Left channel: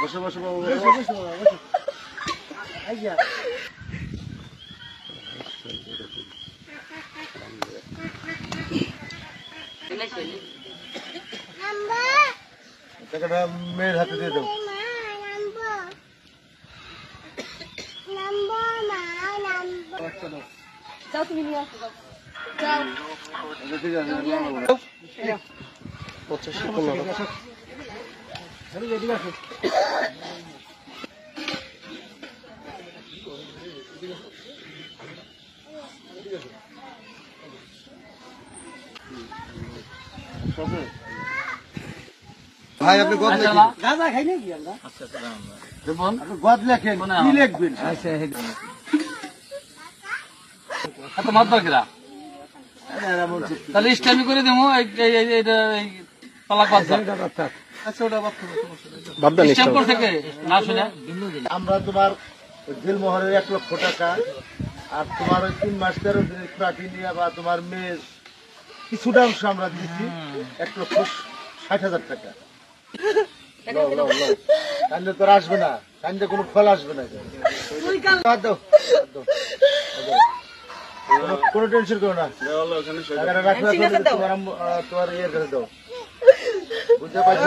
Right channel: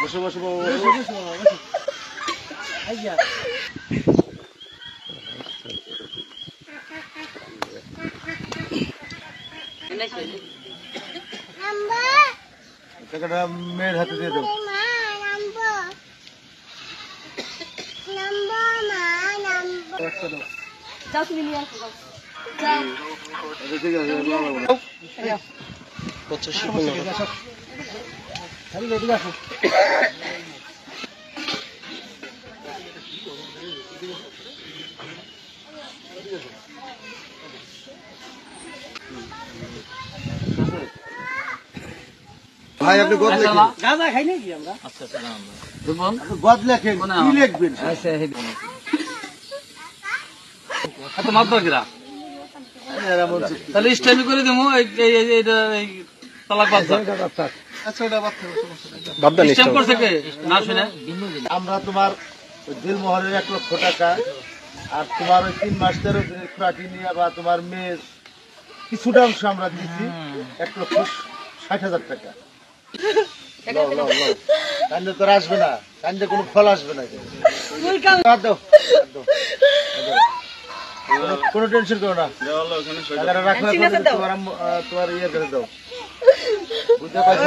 বসো বসো টাকাটা মেয়ের হাতে দিয়ে দেবো। যাও তুমি নিয়ে আসো ভাই আপনি গাঁজা খাই নাকি আমরা? গদ লেখেন কি লিখবেন? তাহলে ইসলামি করে দেবো তালাক আমরা তোমার দিলমোহরের 1 লক্ষ টাকা আর তোমার ওই 3 মাস ধরে নিয়ে বা তোমার মেয়ের কিছুটা অংশ আমরা দিচ্ছি 1,60,000 টাকা। কান্দে তোর আসবে না, কান্দে কোনো ফল আসবে না। কোনো টেনশন করো না, তোমার ইয়ে করে দাও। বুঝতে পারছি।